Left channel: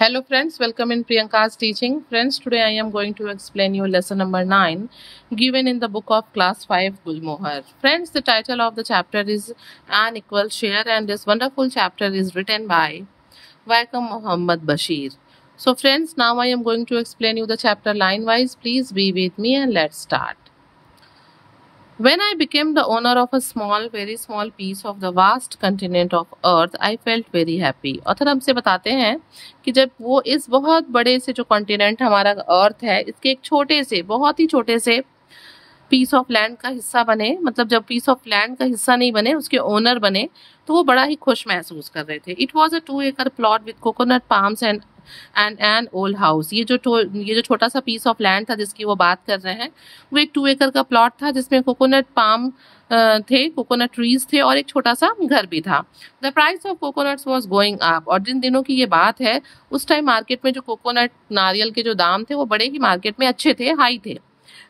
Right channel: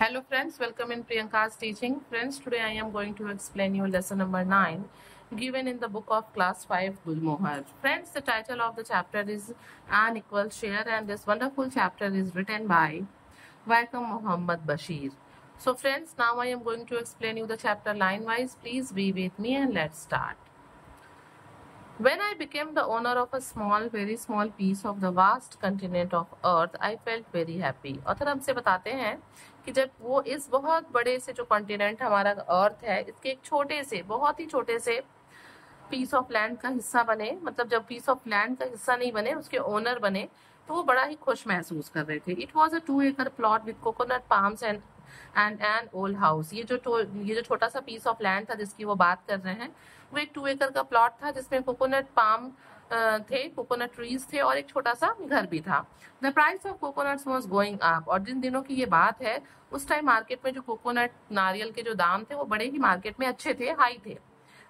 Hello friends, welcome in Priyanka's teaching. Friends, today I am going to explain you lesson number 9 given in the book of class 5 Gulmohar. Friends, the title of the chapter is An Equal Share and this wonderful chapter is written by Vaikam Muhammad Bashir. So friends, now I am going to explain you the chapter line wise. Please be with me and let's start. When I became the owner of a small, very small piece of the vast continent of Earth, I felt very happy. Author हमसे बताते हैं कि जब वो इस बहुत बड़े से जो कॉन्टिनेंट हमारा अर्थ है, इसके एक छोटे से, बहुत ही छोटे से पीस ऑफ लैंड का हिस्सा बने, मतलब जब पीस ऑफ लैंड का हिस्सा नहीं बने, उसके ओनर बने, तो वो बड़ा ही खुश महसूस कर रहे थे. It was a 2 acre plot with coconut palms and an old house. ये जो छोटा सा पीस ऑफ लैंड था जिसकी वो बात कर रहे हैं, वो एक 2 acre का प्लॉट था जिसमें कोकोनट पाम थे, कोकोनट ट्रीज थे और एक छोटा सा घर भी था. The price of coconuts was going up. और जिन दिनों की ये बात है, उस टाइम मार्केट में जो कोकोनट नारियल के जो दाम थे वो बड़े ही मार्केट में अच्छे थे, हाई थे.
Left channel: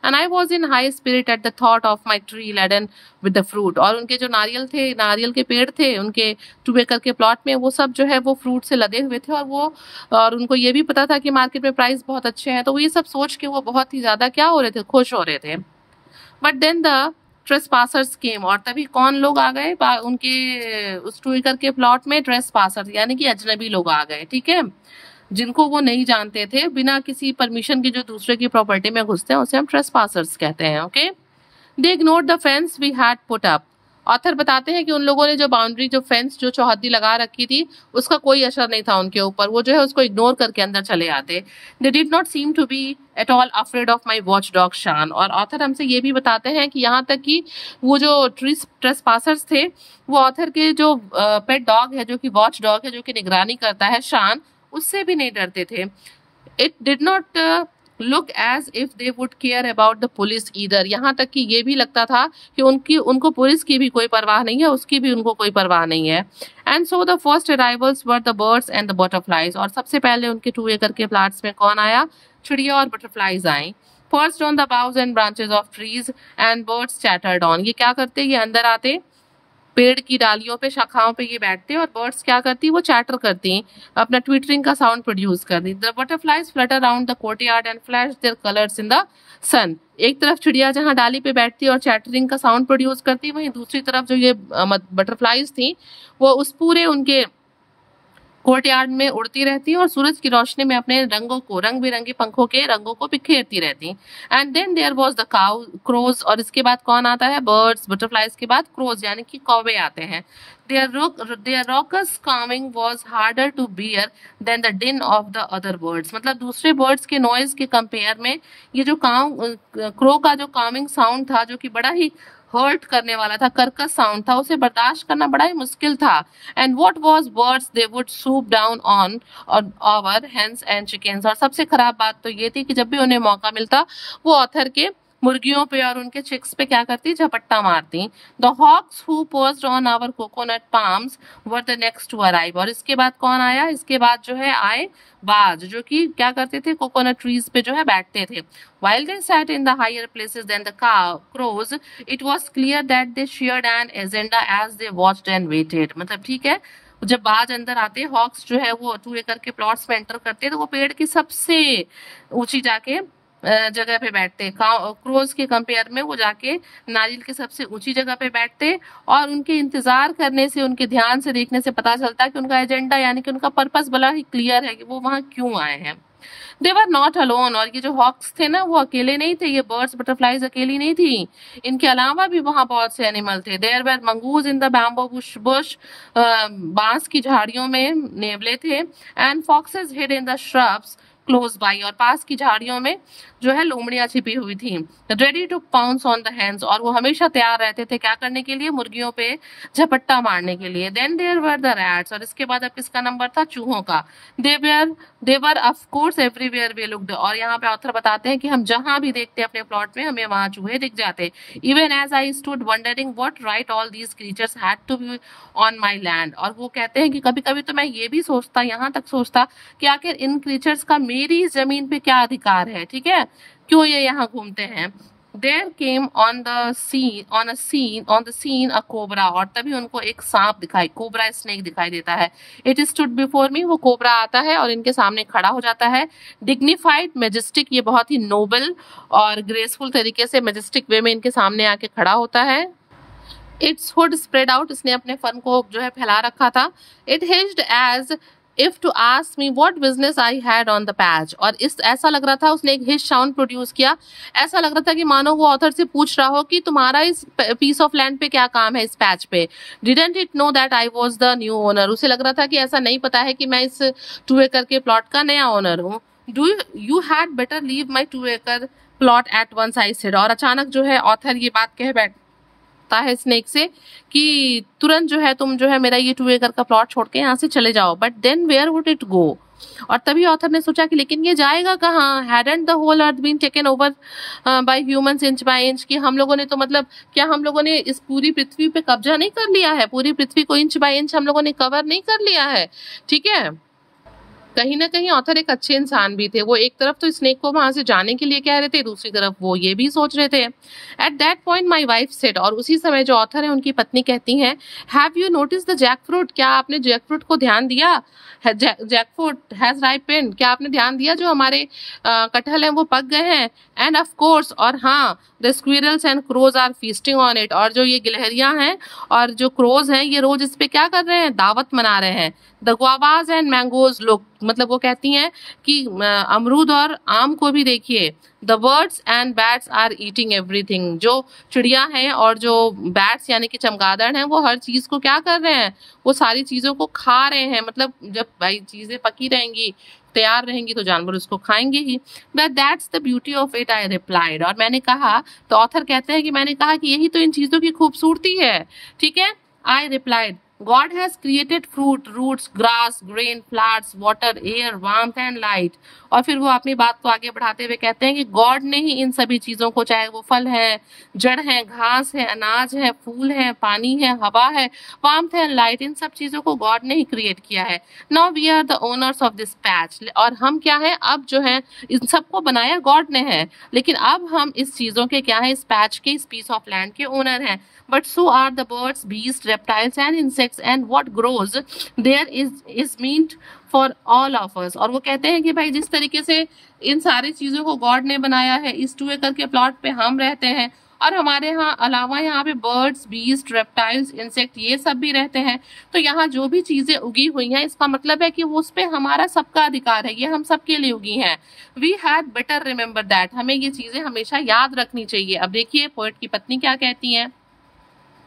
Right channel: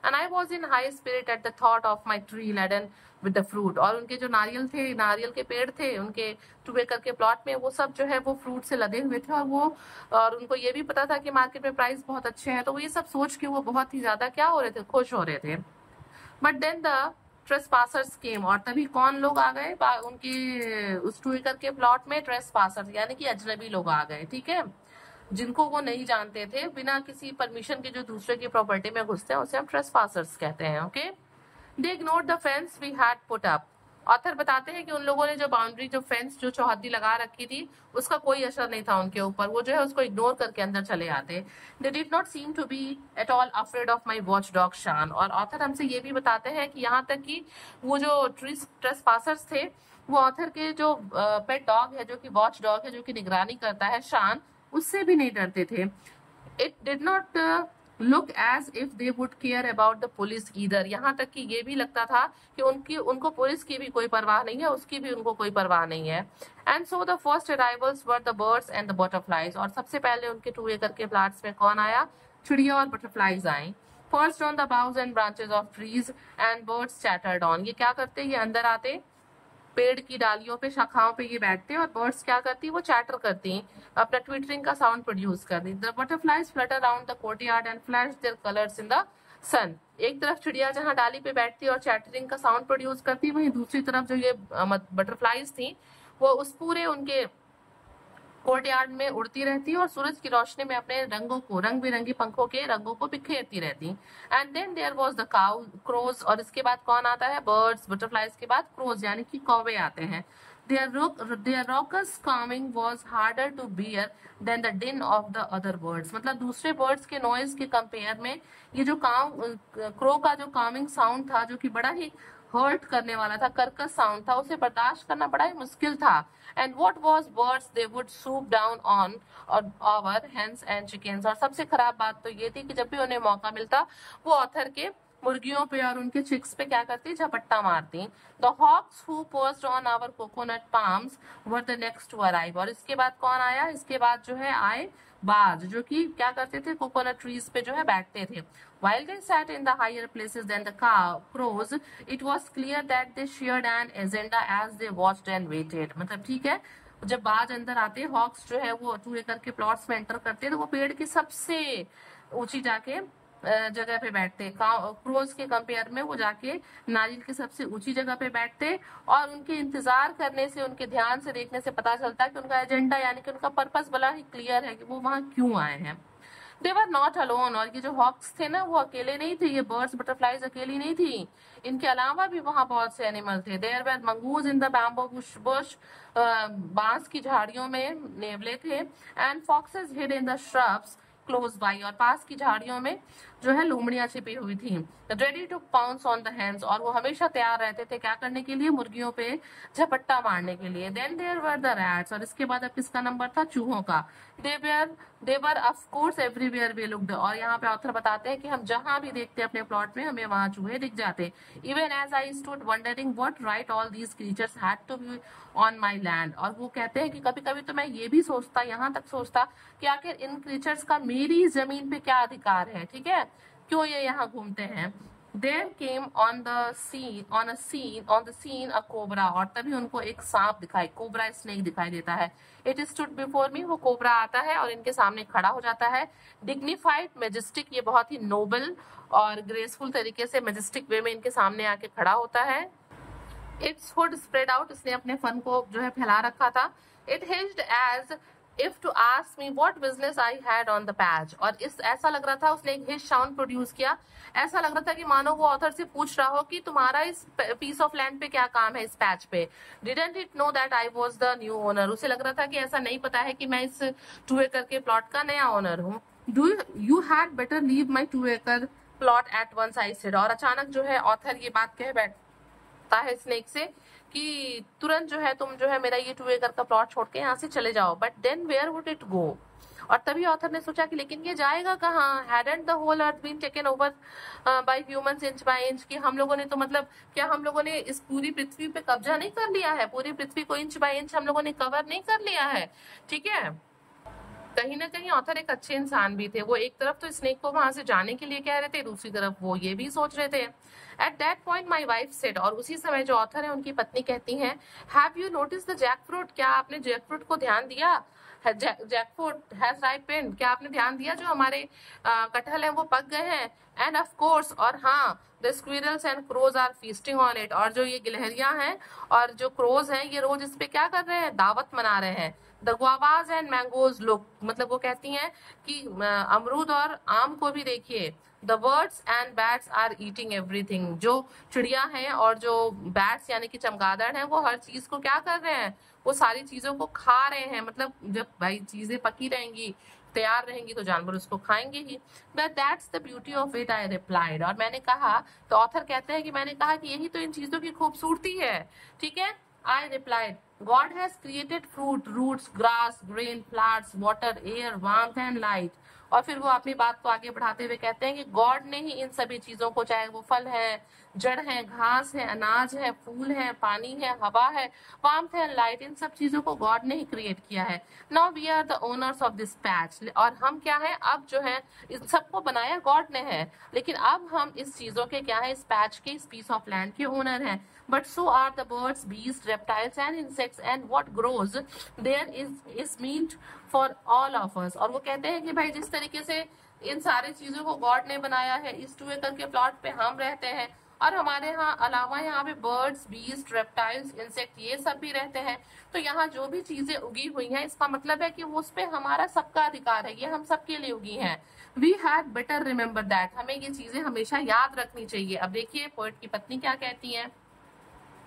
And I was in high spirit at the thought of my tree laden with the fruit. और उनके जो नारियल थे, नारियल के पेड़ थे उनके 2 acre के प्लॉट में, वो सब जो है वो फ्रूट से लदे हुए थे. और उनको ये भी पता था कि मार्केट में प्राइस बहुत अच्छे हैं, तो वो ये सब सोच के वो बहुत ही ज्यादा क्या हो रहे थे, खुश हो रहे थे. बट देन द ट्रेसपासर्स केम. और तभी कौन लोग आ गए उनके उस 2 acre के प्लॉट में? ट्रेसपासर्स, यानी कि अजनबी लोग आ गए. ठीक है, जिनको वो नहीं जानते थे, बिना किसी परमिशन के जो दूसरे की प्रॉपर्टी में घुसते हैं, उसे हम ट्रेसपासर्स कहते हैं. Okay, they ignored the fence we had put up. Author बताते हैं कि उन लोगों ने जो बाउंड्री, जो फेंस, जो चौहद्दी लगा रखी थी, उसका कोई असर नहीं था उनके ऊपर. वो जो है उसको इग्नोर करके अंदर चले आते. They did not seem to be at all afraid of my watch dog Shan. और ऑथर हमसे ये भी बताते हैं कि यहाँ तक कि वो जो ट्रेसपासर्स थे, वो ऑथर के जो पेट डॉग है, जो कि वॉच डॉग है, जो कि निगरानी करता है, शान, उससे भी नहीं डरते थे. It did not look as if they would care about the police either. यहाँ तक कि ये भी लगता था कि उनको पुलिस की भी कोई परवाह नहीं है, उसकी भी उनको कोई परवाह नहीं है. And so the first arrivals were the birds and the butterflies. और सबसे पहले उनके 2 acre के प्लाट्स में कौन आया? चिड़िया और बटरफ्लाइज आई. First on the boughs and branches of trees and birds chattered on. ये क्या करते? ये अंदर आते, पेड़ की डालियों पे, शाखाओं पे ये बैठते, और बर्ड्स क्या करती? वो चैटर करती, अपना ट्विटरिंग का साउंड प्रोड्यूस करती. The butterflies flutter around the courtyard and flash their colours in the sun. एक तरफ चिड़िया जहां डाली पे बैठती और चैटरिंग का साउंड प्रोड्यूस करती, वहीं दूसरी तरफ जो ये बटरफ्लाइज थी, वो उस पूरे उनके कोर्टयार्ड में उड़ती रहती और सूरज की रोशनी में अपने रंगों को, रंग बिरंगी पंखों के रंगों को बिखेरती रहती. And then there was the crows. और इसके बाद कौन आता है? बर्ड्स. बटरफ्लाइज के बाद क्रोज, यानी कि कौवे आते हैं. Their raucous calming was harder to bear than the din of the other birds. मतलब दूसरे बर्ड्स के नॉइज के कंपेयर में ये जो क्रो का जो कामिंग साउंड था, जो कि बड़ा ही हर्ट करने वाला था, कर्कश साउंड था, उसे बर्दाश्त करना बड़ा ही मुश्किल था. And what was birds they would swoop down on our hens and chickens. और सबसे खराब बात तो ये थी कि जब भी उन्हें मौका मिलता, वो ऑथर के मुर्गियों पे और उनके चिक्स पे क्या करती? झपट्टा मारती. The hawks who perched on our coconut palms were the next to arrive. और इसके बाद कौन आया? इसके बाद जो है आए बाज, जो कि क्या करते थे? कोकोनट ट्रीज पे जो है बैठते थे. While they sat in the higher places than the crows, it was clear that they shared an agenda as they watched and waited. मतलब ठीक है, जब बाज अंदर आते, हॉक्स जो है वो 2 acre के प्लॉट्स में एंटर करते, तो वो पेड़ की सबसे ऊंची जाके जगह पे बैठते. क्रोज के कंपेयर में वो जाके नारियल की सबसे ऊंची जगह पे बैठते, और उनके इंतजार करने से, उनके ध्यान से देखने से पता चलता है कि उनका एजेंडा, यानी कि उनका पर्पस बड़ा ही क्लियर है कि वो वहां क्यों आए हैं. दे वर नॉट अलोन. और ये जो हॉक्स थे ना, वो अकेले नहीं थे, ये बर्ड्स बटरफ्लाइज अकेली नहीं थी, इनके अलावा भी वहां बहुत से एनिमल थे. There were mongoose in the bamboo bush. बांस की झाड़ियों में नेवले थे. And foxes hid in the shrubs close by. और पास की झाड़ियों में जो है लोमड़ियां छिपी हुई थी. Ready to pounce on the hands. और वो हमेशा तैयार रहते थे क्या करने के लिए? मुर्गियों पे झपट्टा मारने के लिए. Then there were the rats. और इसके बाद अब किसका नंबर था? चूहों का. They were of course everywhere we looked. और यहाँ पे ऑथर बताते हैं कि हम जहां भी देखते अपने प्लॉट में, हमें वहां चूहे दिख जाते. Even as I stood wondering what right all these creatures had to be on my land. और वो कहते हैं कि कभी कभी तो मैं ये भी सोचता, यहाँ तक सोचता, कि आखिर इन क्रीचर्स का मेरी जमीन पे क्या अधिकार है. ठीक है, क्यों ये यहाँ घूमते हैं? There came on the scene a cobra, और तभी उनको एक सांप दिखाई, कोबरा स्नेक दिखाई देता है. It stood before me, वो कोबरा आता है और इनके सामने खड़ा हो जाता है. Dignified, majestic, ये बहुत ही नोबल और ग्रेसफुल तरीके से मैजेस्टिक वे में इनके सामने आके खड़ा होता है. Its hood spread out, इसने अपने फन को जो है फैला रखा था. It hissed as if to ask me what business I had on the patch, और इस ऐसा लग रहा था, उसने एक हिश साउंड प्रोड्यूस किया. ऐसा लग रहा था कि मानो वो ऑथर से पूछ रहा हो कि तुम्हारा इस पीस ऑफ लैंड पे क्या काम है, इस पैच पे. Didn't it know that I was the new owner, उसे लग रहा था कि ऐसा नहीं पता है कि मैं इस 2 एकड़ के प्लॉट का नया ओनर हूँ. Do you had better leave my 2 acre plot at once, I said, और अचानक जो है ऑथर ये बात कह बैठता है स्नेक से कि तुरंत जो है तुम जो है मेरा ये 2 एकड़ का प्लॉट छोड़ के यहाँ से चले जाओ. But then where would it go, और तभी ऑथर ने सोचा कि लेकिन ये जाएगा कहाँ. Hadn't the whole earth been taken over by humans inch by inch, कि हम लोगों ने तो मतलब क्या हम लोगों ने इस पूरी पृथ्वी पे कब्जा नहीं कर लिया है, पूरी पृथ्वी को इंच बाय इंच हम लोगों ने कवर नहीं कर लिया है. ठीक है, कहीं ना कहीं ऑथर एक अच्छे इंसान भी थे. वो एक तरफ तो स्नेक को वहां से जाने के लिए कह रहे थे, दूसरी तरफ वो ये भी सोच रहे थे. At that point my wife said, और उसी समय जो ऑथर है उनकी पत्नी कहती हैं, have you notice the jack fruit, क्या आपने जैक फ्रूट को ध्यान दिया, जैक फ्रूट हैज राइपेंड, क्या आपने ध्यान दिया जो हमारे कटहल हैं वो पक गए हैं. एंड ऑफ कोर्स, और हाँ, the squirrels and crows are feasting on it, और जो ये गिलहरियां हैं और जो क्रोज हैं ये रोज इस पे क्या कर रहे हैं, दावत मना रहे हैं. द गुआवाज एंड मैंगोज, लोग मतलब वो कहती हैं कि अमरूद और आम को भी देखिए. The birds and bats are eating everything, जो चिड़िया हैं और जो बैट्स यानी कि चमगादड़ हैं वो हर चीज को क्या कर रहे हैं, वो सारी चीजों को खा रहे हैं. मतलब जब भाई चीजें पकी रहेंगी, तैयार रहेंगी, तो जानवर उसको खाएंगे ही. But that's the beauty of it, I replied, और मैंने कहा, तो ऑथर कहते हैं कि मैंने कहा कि यही तो इन चीजों की खूबसूरती है. ठीक है, I replied, God has created fruit, roots, grass, grain, flowers, water, air, warmth and light. और फिर वो अपनी बात को आगे बढ़ाते हुए कहते हैं कि गॉड ने ही इन सभी चीजों को, चाहे वो फल है, जड़ है, घास है, अनाज है, फूल है, पानी है, हवा है, वार्मथ है, लाइट, इन सब चीजों को गॉड ने ही क्रिएट किया है. Now we are the owners of this patch, और हम क्या है, अब जो है इन सबको बनाया गॉड ने है, लेकिन अब हम इस चीजों के क्या है, इस पैच के, इस पीस ऑफ लैंड के ओनर हैं. But so are the birds, beasts, reptiles and insects, and what grows there is meant for all of us. और वो कहते हैं कि भाई जिस तरीके से इन सारी चीजों को गॉड ने बनाया है, इस 2 एकड़ के प्लॉट पे हम रहते हैं, और हमारे यहाँ अलावा यहाँ पे बर्ड्स, बीस्ट, रेप्टाइल्स, इंसेक्ट ये सब भी रहते हैं. तो यहाँ जो भी चीजें उगी हुई हैं, इसका मतलब है कि वो उस पे हमारा सबका अधिकार है, ये हम सबके लिए उगी हैं. We had better remember that, हमें ये चीजें हमेशा याद रखनी चाहिए. अब देखिए पोएट की पत्नी क्या कहती है,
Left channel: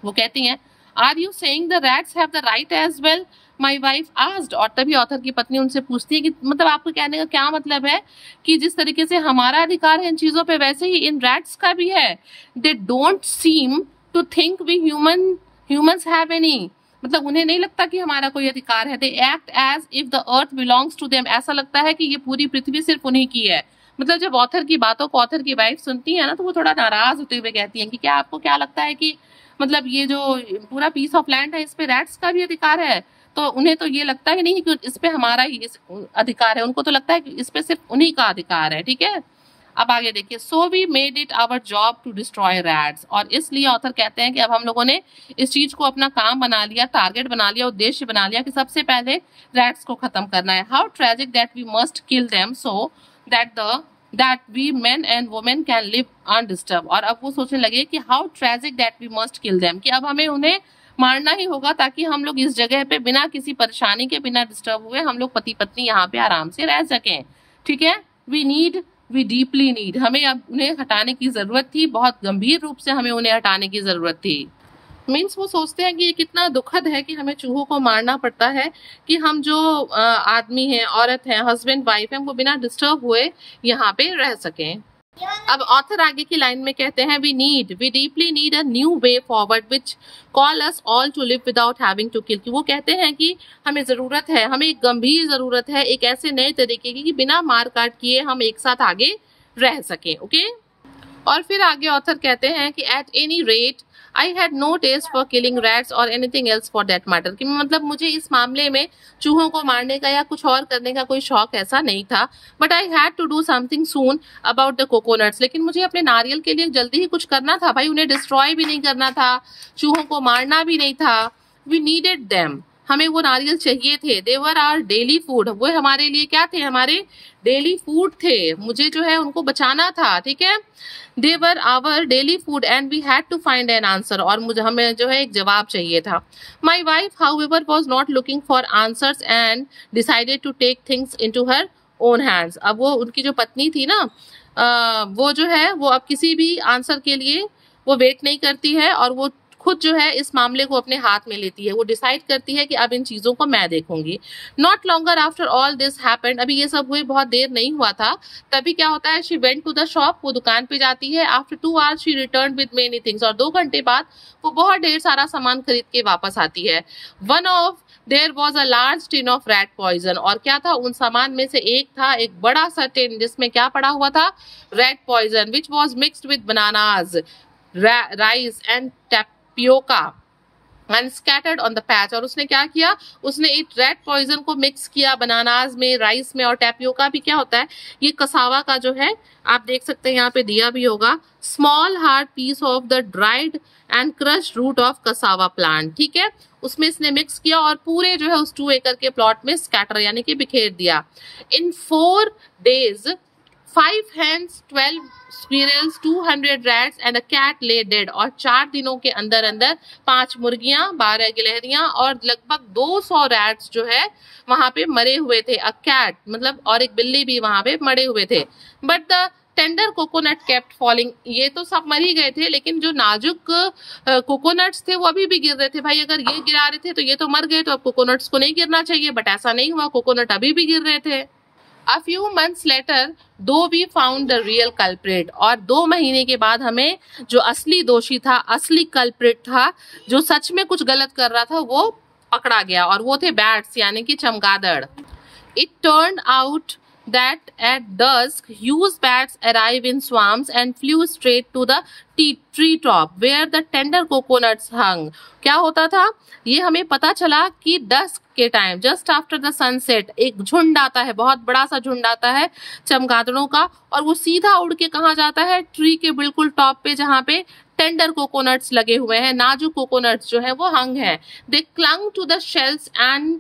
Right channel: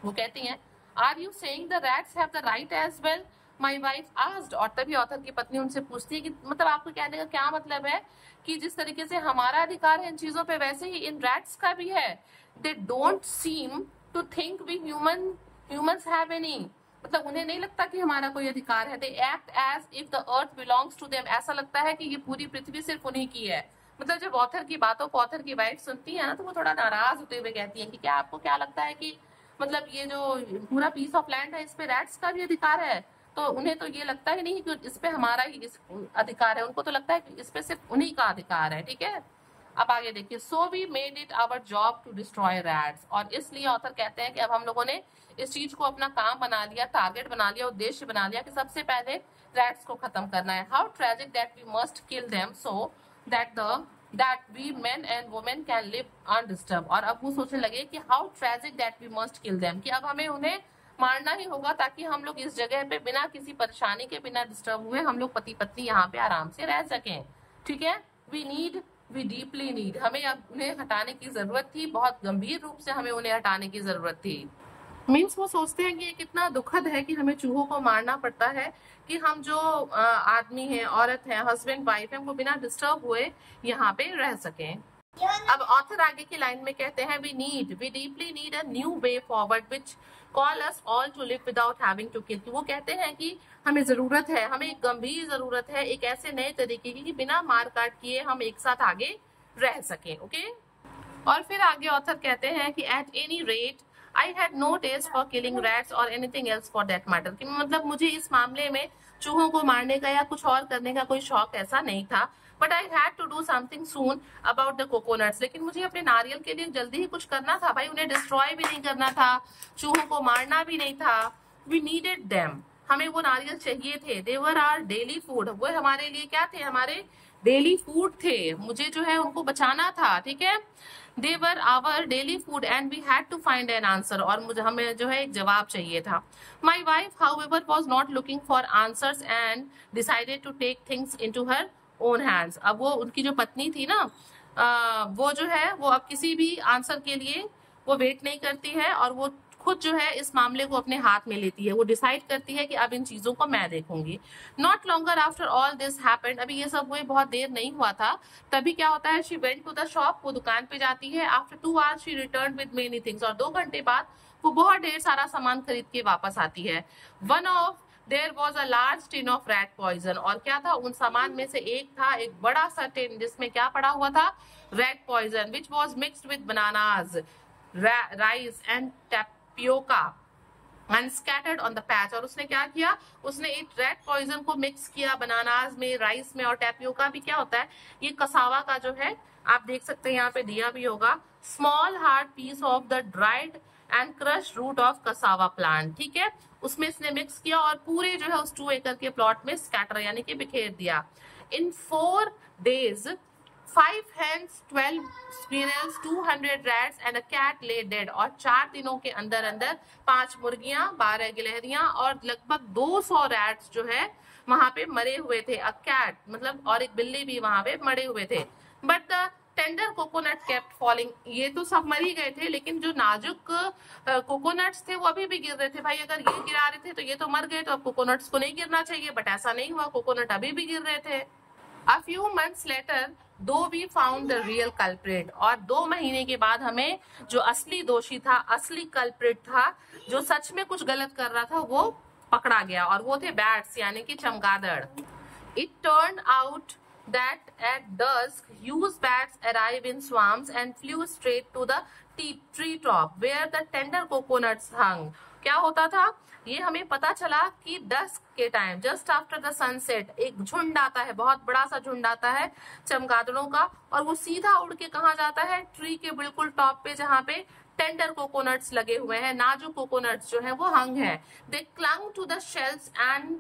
वो कहती हैं, are you saying the rats have the right as well, my wife asked, और तभी ऑथर की पत्नी उनसे पूछती है कि मतलब आपको कहने का क्या मतलब है कि जिस तरीके से हमारा अधिकार है इन चीजों पे, वैसे ही इन रैट्स का भी है. They don't seem to think we humans have any, मतलब उन्हें नहीं लगता कि हमारा कोई अधिकार है. They act as if the earth belongs to them, ऐसा लगता है कि ये पूरी पृथ्वी सिर्फ उन्हीं की है. मतलब जब ऑथर की बातों को ऑथर की वाइफ सुनती है ना, तो वो थोड़ा नाराज होते हुए कहती है कि क्या आपको क्या लगता है कि मतलब ये जो पूरा पीस ऑफ लैंड है इस पे रैट्स का भी अधिकार है. तो उन्हें तो ये लगता ही नहीं कि इस पे हमारा ही अधिकार है, उनको तो लगता है कि इस पे सिर्फ उन्हीं का अधिकार है. ठीक है, अब आगे देखिए, so we made it our job to destroy rats, और इसलिए ऑथर कहते हैं कि अब हम लोगों ने इस चीज को अपना काम बना लिया, टारगेट बना लिया, उद्देश्य बना लिया कि सबसे पहले रैट्स को खत्म करना है. How tragic that we must kill them so that we men and women can live undisturbed. और अब वो सोचने लगे कि how tragic that we must kill them, कि अब हमें उन्हें मारना ही होगा ताकि हम लोग इस जगह पे बिना किसी परेशानी के, बिना डिस्टर्ब हुए हम लोग पति पत्नी यहाँ पे आराम से रह सकें. ठीक है, we deeply need, हमें अब उन्हें हटाने की जरूरत थी, बहुत गंभीर रूप से हमें उन्हें हटाने की जरूरत थी. मीन्स वो सोचते हैं कि ये कितना दुखद है कि हमें चूहों को मारना पड़ता है कि हम जो आदमी हैं, औरत हैं, हस्बैंड वाइफ हैं, वो बिना डिस्टर्ब हुए यहाँ पे रह सकें. अब ऑथर आगे की लाइन में कहते हैं, we deeply need a new way forward which call us all to live without having to kill. वो कहते हैं कि हमें जरूरत है, हमें एक गंभीर जरूरत है एक ऐसे नए तरीके की कि बिना मार काट किए हम एक साथ आगे रह सकें. ओके, और फिर आगे ऑथर कहते हैं कि at any rate I had no taste for killing rats और anything else for that matter, कि मतलब मुझे इस मामले में चूहों को मारने का या कुछ और करने का कोई शौक ऐसा नहीं था। But I had to do something soon about the coconuts, लेकिन मुझे अपने नारियल के लिए जल्दी ही कुछ करना था भाई, उन्हें डिस्ट्रॉय भी नहीं करना था, चूहों को मारना भी नहीं था। वी नीडेड देम, हमें वो नारियल चाहिए थे। दे वर आवर डेली फूड, वो हमारे लिए क्या थे, हमारे डेली फूड थे, मुझे जो है उनको बचाना था, ठीक है। They were our daily food and we had to find an answer, और मुझे हमें जो है एक जवाब चाहिए था। My wife however was not looking for answers and decided to take things into her own hands. अब वो उनकी जो पत्नी थी ना, वो जो है वो अब किसी भी आंसर के लिए वो वेट नहीं करती है, और वो खुद जो है इस मामले को अपने हाथ में लेती है। वो डिसाइड करती है कि अब इन चीजों को मैं देखूंगी। Not longer after all this happened, अभी ये सब हुए बहुत देर नहीं हुआ था, तभी क्या होता है, she went to the shop, वो दुकान पे जाती है। After 2 hours she return with many things, और 2 घंटे बाद वो बहुत ढेर सारा सामान खरीद के वापस आती है। One of there was a large tin of rat poison, और क्या था, उन सामान में से एक था एक बड़ा सा टिन जिसमें क्या पड़ा हुआ था, rat poison, which was mixed with bananas, rice and tapioca and scattered on the patch. और उसने क्या किया, उसने इस रेड पॉइजन को मिक्स किया बनानाज में, राइस में, और टैपियोका भी क्या होता है, ये कसावा का जो है, आप देख सकते हैं यहाँ पे दिया भी होगा, small hard piece of the dried and crush root of cassava plant, ठीक है। उसमें इसने मिक्स किया और पूरे जो है उस 2 एकड़ के प्लॉट में स्कैटर यानी कि बिखेर दिया। इन 4 days 5 hens, 12 squirrels, 200 rats and a cat lay dead, और 4 दिनों के अंदर अंदर 5 मुर्गियां, 12 गिलहरियां और लगभग 200 रैट्स जो है वहां पे मरे हुए थे। अ कैट मतलब, और एक बिल्ली भी वहां पे मरे हुए थे। But the tender coconut kept falling, ये तो सब मर ही गए थे, लेकिन जो नाजुक कोकोनट्स थे वो अभी भी गिर रहे थे। भाई अगर ये गिरा रहे थे तो ये तो मर गए, तो अब कोकोनट्स को नहीं गिरना चाहिए, बट ऐसा नहीं हुआ, कोकोनट अभी भी गिर रहे थे। A few months later, though we found the real culprit, और 2 महीने के बाद हमें जो असली दोषी था, असली कल्प्रिट था, जो सच में कुछ गलत कर रहा था, वो पकड़ा गया, और वो थे बैट्स यानी कि चमगादड़। It turned out that at dusk, huge bats arrived in swarms and flew straight to the tree top where the tender coconuts hung. क्या होता था, ये हमें पता चला कि डस्क के time, just after the sunset, एक झुंड आता है, बहुत बड़ा सा झुंड आता है चमगादड़ों का, और वो सीधा उड़ के कहाँ जाता है, ट्री के बिल्कुल टॉप पे जहाँ पे टेंडर कोकोनट्स लगे हुए हैं, नाजुक कोकोनट्स जो है वो हंग है। They clung to the shells and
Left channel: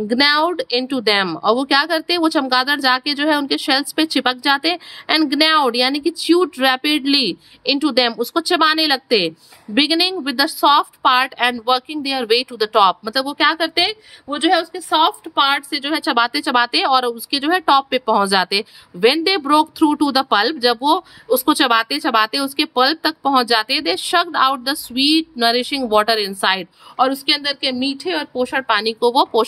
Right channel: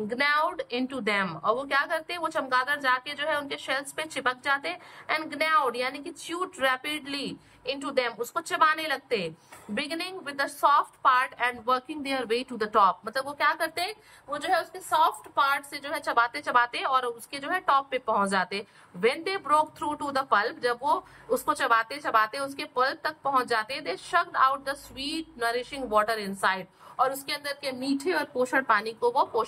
gnawed into them, और वो क्या करते हैं, वो चमगादड़ जाके जो है उनके शेल्स पे चिपक जाते, एंड ग्नाउड यानी कि च्यूड रैपिडली इनटू देम, उसको चबाने लगते, beginning with the soft part and working their way to the top. मतलब वो क्या करते हैं, वो जो है उसके सॉफ्ट पार्ट से जो है चबाते चबाते और उसके जो है टॉप पे पहुंच जाते। When they broke through to the pulp, जब वो उसको चबाते चबाते उसके पल्प तक पहुंच जाते, they sucked out the sweet nourishing water inside, और उसके अंदर के मीठे और पोषक पानी को वो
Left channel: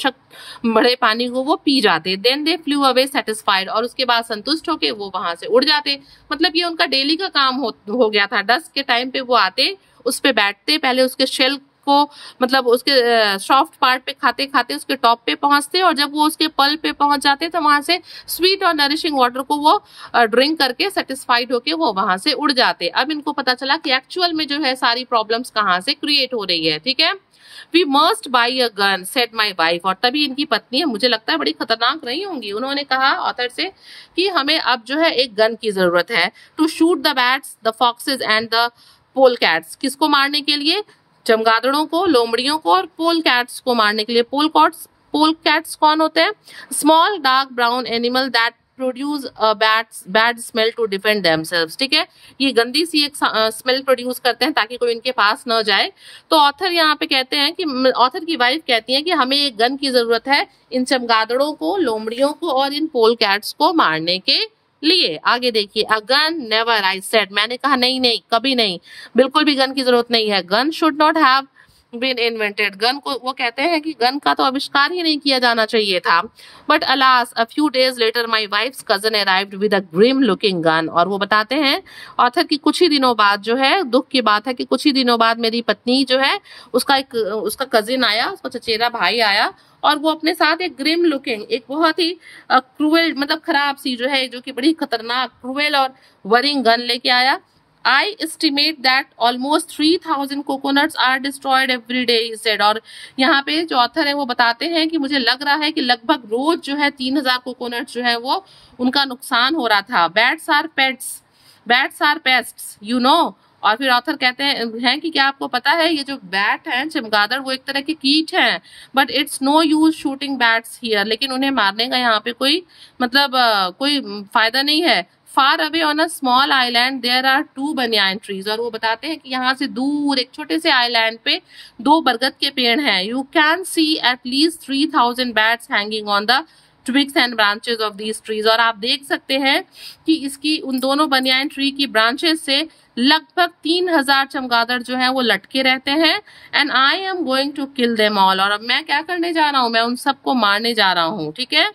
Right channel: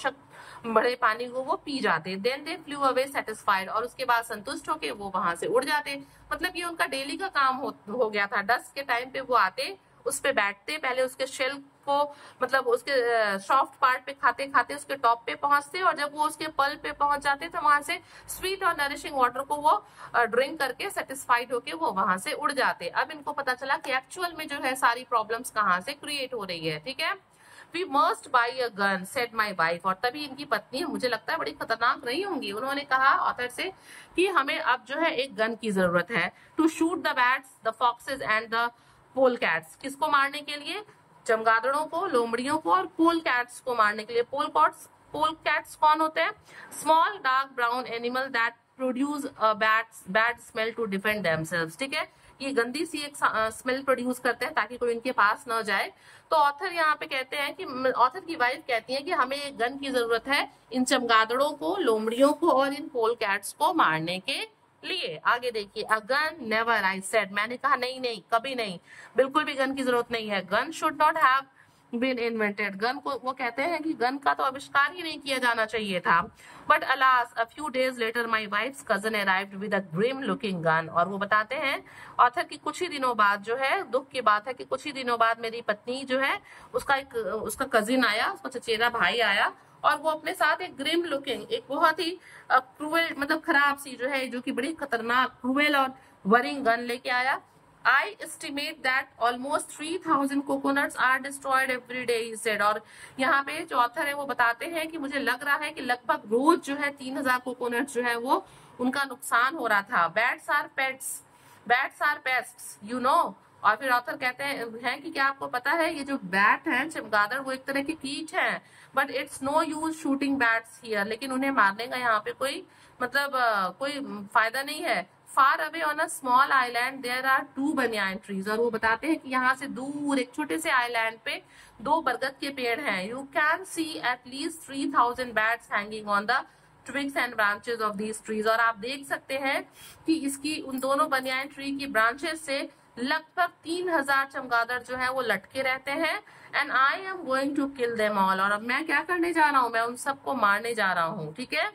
बड़े पानी को वो पी जाते। Then they flew away satisfied, और उसके बाद संतुष्ट होके वो वहां से उड़ जाते। मतलब ये उनका डेली का काम हो गया था। डस्क के टाइम पे वो आते, उस पे बैठते, पहले उसके शेल को मतलब उसके सॉफ्ट पार्ट पे खाते खाते उसके टॉप पे पहुंचते, और जब वो उसके पल पे पहुंच जाते तो वहां से स्वीट और नरिशिंग वाटर को वो ड्रिंक करके सेटिस्फाइड होके वो वहां से उड़ जाते। अब इनको पता चला कि एक्चुअल में जो है सारी प्रॉब्लम्स कहाँ से क्रिएट हो रही है, ठीक है। We must buy a gun said my wife, और तभी इनकी पत्नी है, मुझे लगता है बड़ी खतरनाक नहीं होंगी, उन्होंने कहा ऑथर से कि हमें अब जो है एक गन की जरूरत है, to shoot the bats, the foxes and the pole cats. किसको मारने के लिए, चमगादड़ों को, लोमड़ियों को, और पोल कैट्स को मारने के लिए। पोल कैट्स कौन होते हैं, small dark brown animal that produce bad smell to defend themselves, ठीक है। ये गंदी सी एक स्मेल प्रोड्यूस करते हैं ताकि कोई इनके पास न जाए। तो ऑथर यहाँ पे कहते हैं कि, ऑथर की वाइफ कहती है कि हमें एक गन की जरूरत है इन चमगादड़ों को, लोमड़ियों को और इन पोल कैट्स को मारने के लिए। आगे देखिए, a gun never, I said, मैंने कहा नहीं नहीं, कभी नहीं, बिल्कुल भी गन की जरूरत नहीं है। Gun should not have been invented, gun को वो कहते हैं कि गन का तो आविष्कार ही नहीं किया जाना चाहिए था। But alas, a few days later my wife's cousin arrived with a grim looking gun, और वो बताते हैं ऑथर की कुछ ही दिनों बाद जो है, दुख की बात है कि कुछ ही दिनों बाद मेरी पत्नी जो है उसका कजिन आया, उसका चचेरा भाई आया, और वो अपने साथ एक ग्रिम लुकिंग, एक बहुत ही क्रूएल मतलब खराब सी जो है, जो कि बड़ी खतरनाक क्रूएल और वरिंग गन लेके आया। I estimate that almost 3,000 coconuts are destroyed every day, he said. और यहाँ पे जो ऑथर है वो बताते हैं कि मुझे लग रहा है कि लगभग रोज जो है 3,000 कोकोनट जो है वो उनका नुकसान हो रहा था. Bats are pets, bats are pests, you know. और फिर ऑथर कहते हैं कि क्या आपको पता है ये जो बैट है चमगादड़ वो एक तरह के कीट हैं, but it's no use shooting bats here. लेकिन उन्हें मारने का यहाँ पे कोई मतलब कोई फायदा नहीं है. Far away on a small island there are 2 banyan trees. और वो बताते हैं कि यहाँ से दूर एक छोटे से आइलैंड पे 2 बरगद के पेड़ हैं. You can see at least 3,000 bats hanging on the twigs and branches of these trees. और आप देख सकते हैं कि इसकी उन दोनों बनियान ट्री की ब्रांचेस से लगभग 3,000 चमगादड़ जो है वो लटके रहते हैं. And I am going to kill them all. और अब मैं क्या करने जा रहा हूँ, मैं उन सबको मारने जा रहा हूँ. ठीक है.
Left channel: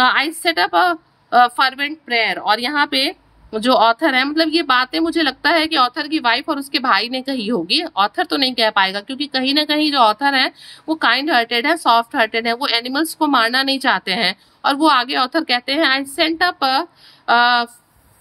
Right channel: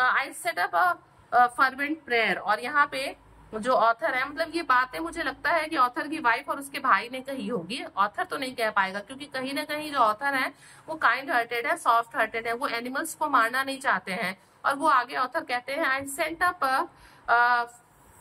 I set up a fervent prayer. और यहाँ पे जो ऑथर है, मतलब ये बातें मुझे लगता है कि ऑथर की वाइफ और उसके भाई ने कही होगी. ऑथर तो नहीं कह पाएगा क्योंकि कहीं ना कहीं जो ऑथर है वो काइंड हार्टेड है, सॉफ्ट हार्टेड है, वो एनिमल्स को मारना नहीं चाहते हैं. और वो आगे ऑथर कहते हैं आई सेंट अप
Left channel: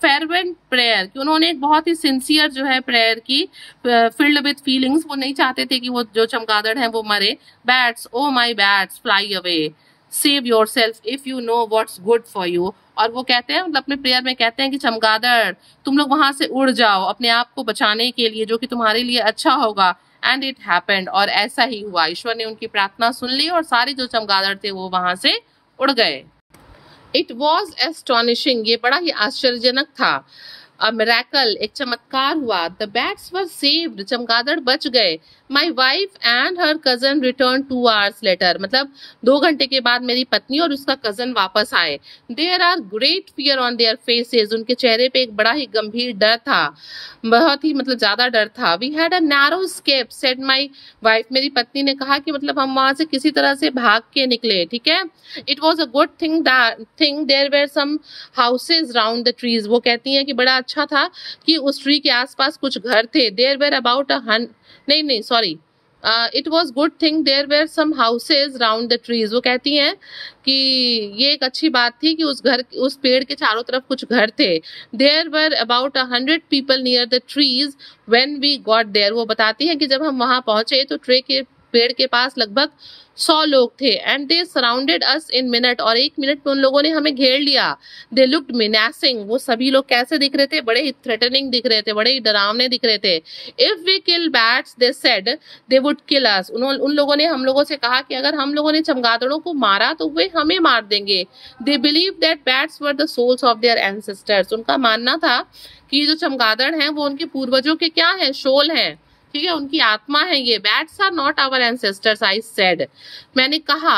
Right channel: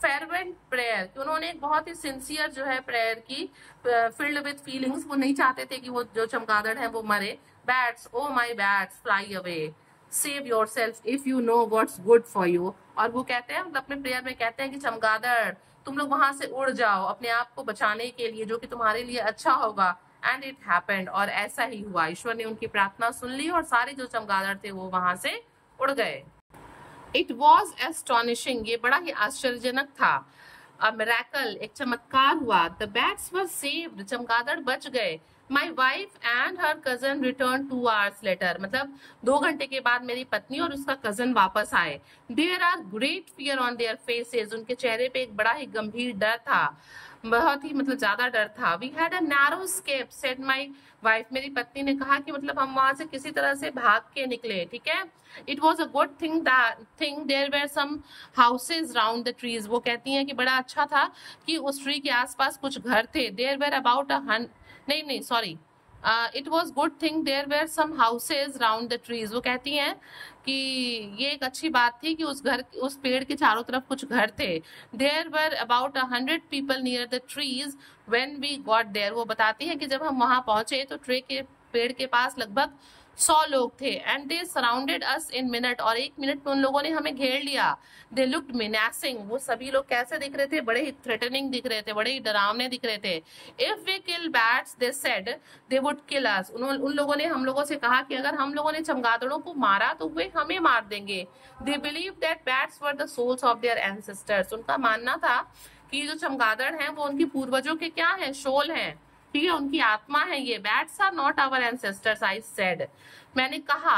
फेरवेंट प्रेयर, कि उन्होंने एक बहुत ही सिंसियर जो है प्रेयर की, फिल्ड विद फीलिंग्स. वो नहीं चाहते थे कि वो जो चमगादड़ है वो मरे. Bats, oh my bats, fly away, save your self if you know what's good for you. और वो कहते हैं, मतलब अपने प्रेयर में कहते हैं कि चमगादड़ तुम लोग वहां से उड़ जाओ अपने आप को बचाने के लिए, जो कि तुम्हारे लिए अच्छा होगा. And it happened. और ऐसा ही हुआ. ईश्वर ने उनकी प्रार्थना सुन ली और सारे जो चमगादड़ थे वो वहां से उड़ गए. It was astonishing. ये बड़ा ही आश्चर्यजनक था. अ मिरेकल, एक चमत्कार हुआ. The bats were saved. चमगादड़ बच गए. My wife and her cousin return 2 hours later. मतलब 2 घंटे के बाद मेरी पत्नी और उसका कजन वापस आए. There are great fear on their faces. उनके चेहरे पे एक बड़ा ही गंभीर डर था, बहुत ही मतलब ज्यादा डर था. We had a narrow escape, said my wife. मेरी पत्नी ने कहा कि मतलब हम वहां से किसी तरह से भाग के निकले. ठीक है. It was a good thing there were some houses round the trees. वो कहती हैं कि बड़ा अच्छा था कि उस ट्री के आसपास कुछ घर थे. देयर वेर अबाउट नहीं sorry, it was good thing there were some houses round the trees. वो कहती हैं कि ये एक अच्छी बात थी कि उस पेड़ के चारों तरफ कुछ घर थे. There were about 100 people near the trees when we got there. वो बताती हैं कि जब हम वहां पहुंचे तो पेड़ के पास लगभग 100 लोग थे. And they surrounded us in minute. और 1 मिनट में उन लोगों ने हमें घेर लिया. They looked menacing. वो सभी लोग कैसे दिख रहे थे, बड़े ही थ्रेटनिंग दिख रहे थे, बड़े ही डरावने दिख रहे थे. If we kill bats they said they would kill us. उन लोगों ने हम लोगों से कहा कि अगर हम लोगों ने चमगादड़ों को मारा तो वे हमें मार देंगे. They believe that bats were the souls of their ancestors. उनका मानना था कि जो चमगादड़ हैं वो उनके पूर्वजों के क्या है, शोल हैं. ठीक है, उनकी आत्मा है ये. Bats are not our ancestors, I said. मैंने कहा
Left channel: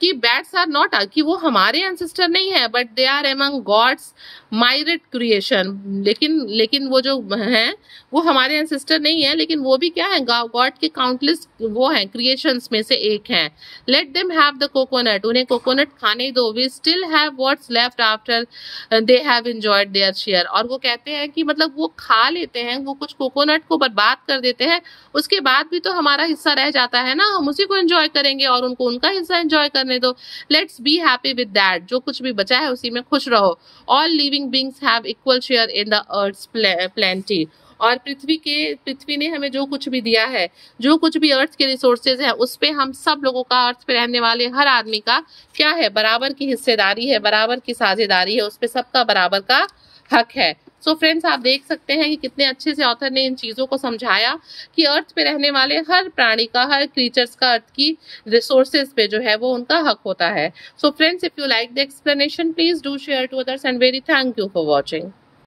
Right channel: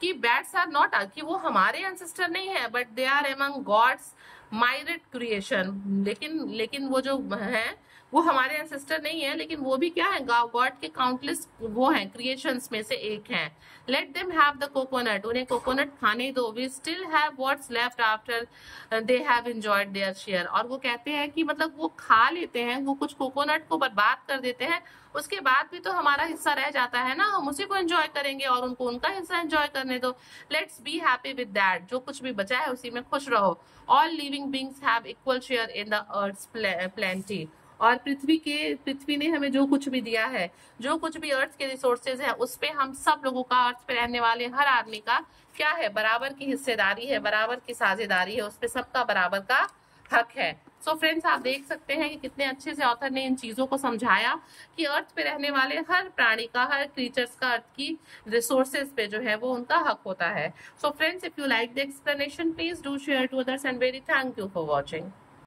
कि बैट्स आर नॉट, कि वो हमारे एंसेस्टर नहीं है, but they are among gods myriad creation. लेकिन वो जो हैं वो हमारे एंसेस्टर नहीं है, लेकिन वो भी क्या है, गॉड के काउंटलेस वो हैं, क्रिएशंस में से एक हैं. Let them have the coconut. उन्हें कोकोनट खाने दो. We still have what's left after they have enjoyed their share. और वो कहते हैं कि मतलब वो खा लेते हैं, वो कुछ कोकोनट को बर्बाद कर देते हैं, उसके बाद भी तो हमारा हिस्सा रह जाता है ना, हम उसी को एंजॉय करेंगे और उनको उनका हिस्सा एंजॉय करने दो. Let's be happy with that. जो कुछ भी बचा है उसी में खुश रहो. All living beings have equal share in the earth's plenty. और पृथ्वी ने हमें जो कुछ भी दिया है, जो कुछ भी अर्थ के रिसोर्सेज है, उस पे हम सब लोगों का, अर्थ पे रहने वाले हर आदमी का क्या है, बराबर की हिस्सेदारी है, बराबर की साझेदारी है. उस पे सबका बराबर का हक है. सो फ्रेंड्स, आप देख सकते हैं कि कितने अच्छे से ऑथर ने इन चीज़ों को समझाया कि अर्थ पे रहने वाले हर प्राणी का, हर क्रीचर्स का अर्थ की रिसोर्सेज पे जो है वो उनका हक होता है. So friends, if you like the explanation, please do share to others and very thank you for watching.